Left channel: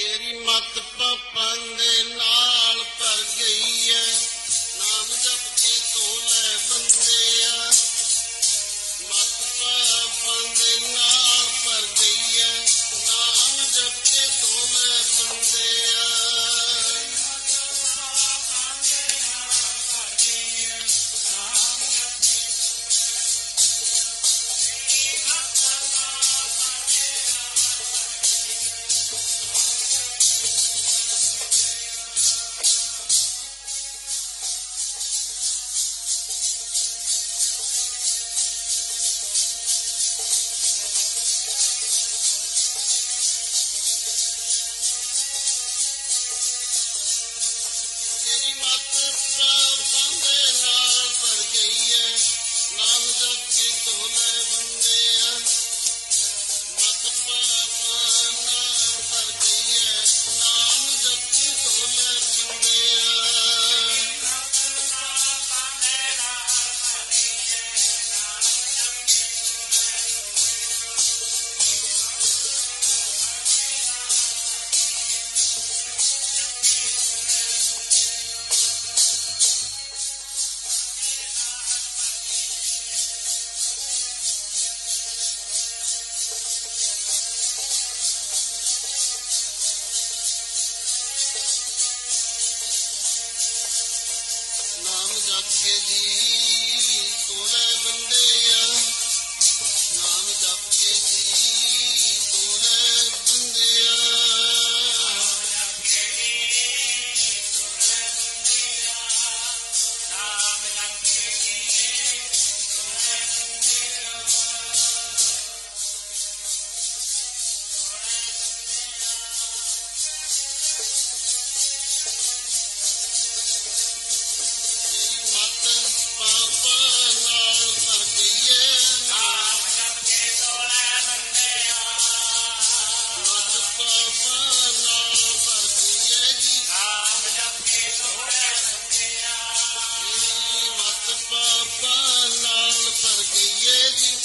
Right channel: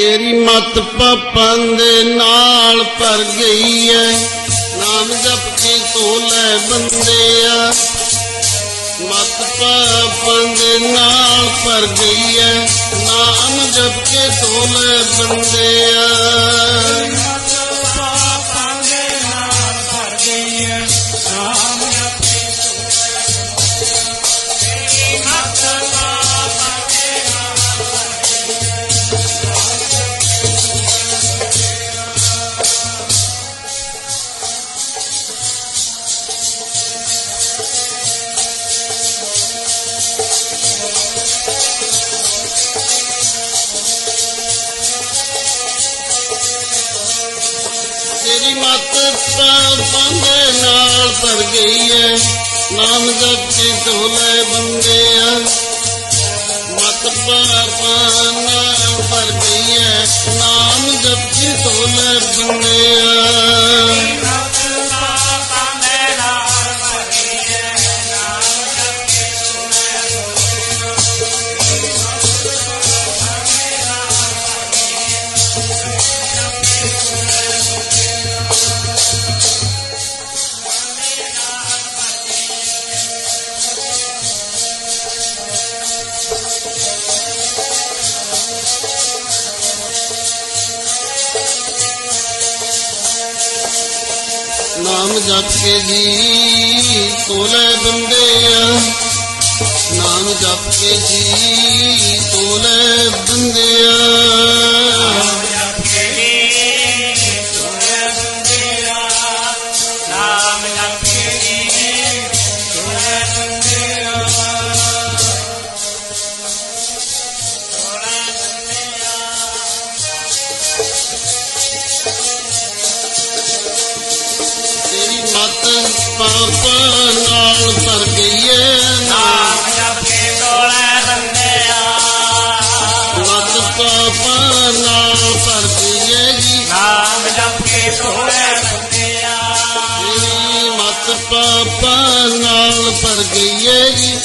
ਤੇਰੀ ਮਤ ਪਾਪਾਂ ਦੇ ਨਾਲ ਭਰ ਗਈ ਐ। ਨਾਮ ਜਪ ਕੇ ਤੋਲੇ ਬੰਦਿਆ ਮਤ ਪਾਪਾਂ ਦੇ ਨਾਲ ਭਰ ਗਈ ਐ। ਨਾਮ ਜਪ ਕੇ ਤੋਲੇ ਬੰਦਿਆ ਤੇਰੀ ਮਤ ਪਾਪਾਂ ਦੇ ਨਾਲ ਭਰ ਗਈ ਐ। ਨਾਮ ਜਪ ਕੇ ਤੋਲੇ ਬੰਦਿਆ ਮਤ ਪਾਪਾਂ ਨਾਲ ਭਰ ਗਈ ਐ। ਨਾਮ ਜਪ ਕੇ ਤੋਲੇ ਬੰਦਿਆ ਨਾਮ ਜਪ ਕੇ ਜੀ ਤੋਲੇ ਆ। ਨਾਮ ਜਪ ਕੇ ਜੀ ਤੇਰੀ ਮਤ ਪਾਪਾਂ ਨਾਲ ਭਰ ਗਈ ਐ ਨਾਮ ਜਪੇ ਤੋਰੇ ਬੰਦਿਆ ਮਤ ਪਾਪਾਂ ਨਾਲ ਭਰ ਗਈ ਜੀ। ਨਾਮ ਜਪੇ ਤੋਰੇ ਬੰਦਿਆ ਤੇਰੀ ਮਤ ਪਾਪਾਂ ਨਾਲ ਭਰ ਗਈ ਜੀ।